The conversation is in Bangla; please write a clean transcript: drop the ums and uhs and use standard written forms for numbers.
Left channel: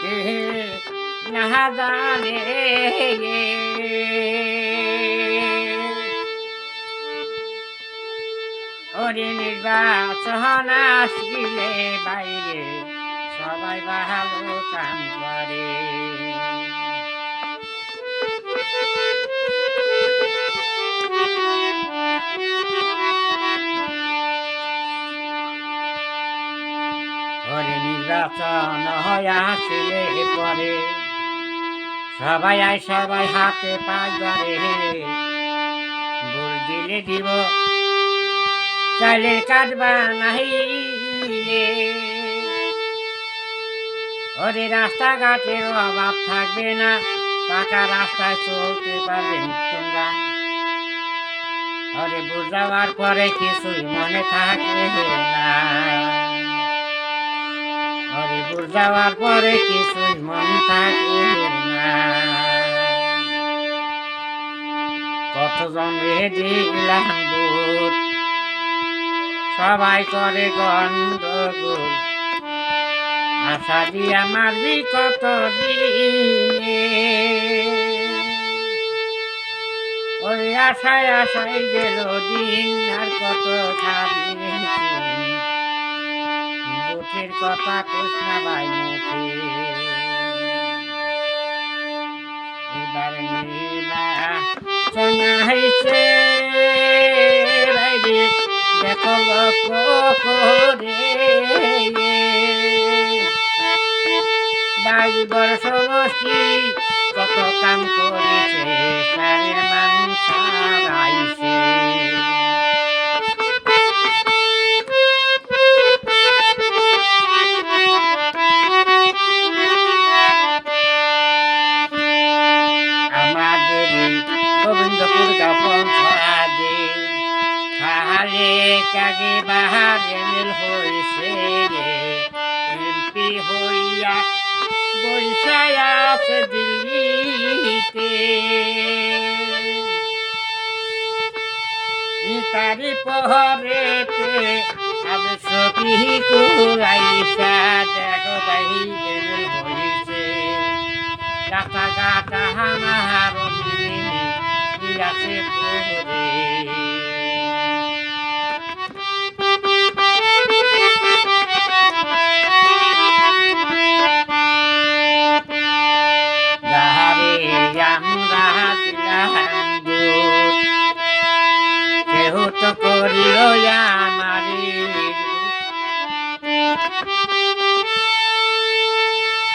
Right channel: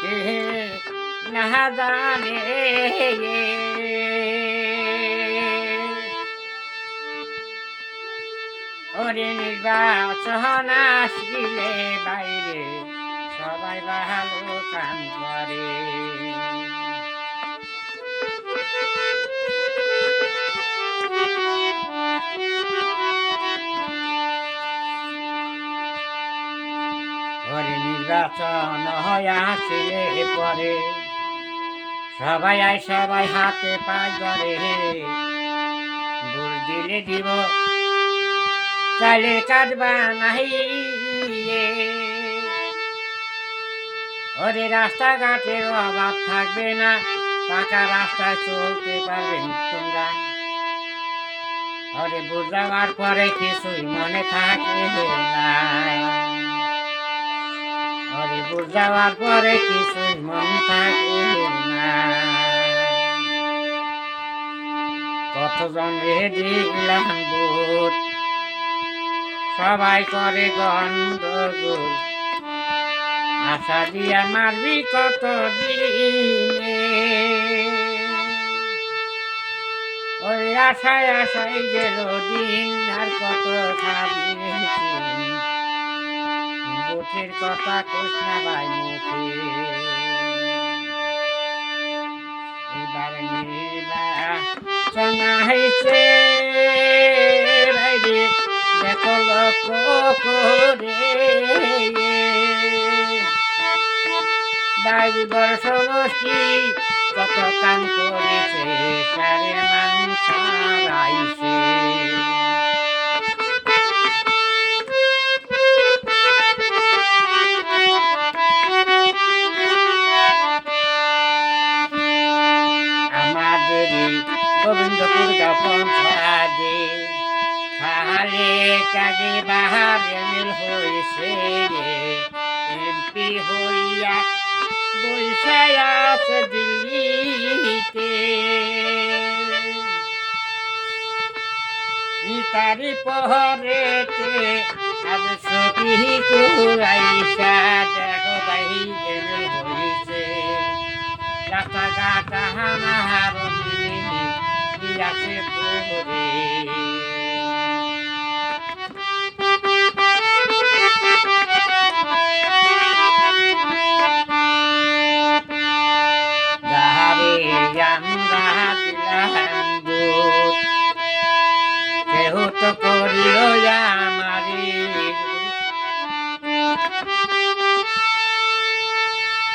কে না জানে ওরে নির্বাচন আসিলে বাইরে সবাই ভালো কাম করে ওরে নির্বাচন হয় আসিলে পরে সবাই হাতে পাই ধরে ভোট দিলে দিব চাইলে কাটবা নাহিলে ওরে রাস্তাঘাটের অভাব থাকবে না পাকা রাস্তায় চলতে পারবেন তোমরা ওরে ভোট যাওয়ার পরে কিছুই মনে থাকে না ওরে ভোট যাওয়ার পরে কিছুই মন থাকে না কতজন রে দিলাম ভোট সবাই করে গন্ডগোল আশা দিয়া মারবি কত দিনে ওই আশায় আশায় গেল দিন আর কত খাবি বুকের কথা কোস না ভাই মুখে এবার নির্বাচন হয়েছে বাইরে দেখো লক্ষ্য করে 22 সমষ্টি কত কাম করেছে সারের মানুষ হারাইছে আমাদের গোবিন্দপুর পঞ্চায়েতে খালে কাগে বাহার এমএল হয়েছে এমপি হইয়া বৈশায় আছে দিল্লিতে তারি পহরেতে আবে সখী কুলাইসা দেখো ভাই এমএল হয়েছে রাস্তাঘাট আমার আছে পহরে আমরা দিলাম কেহ তো করিল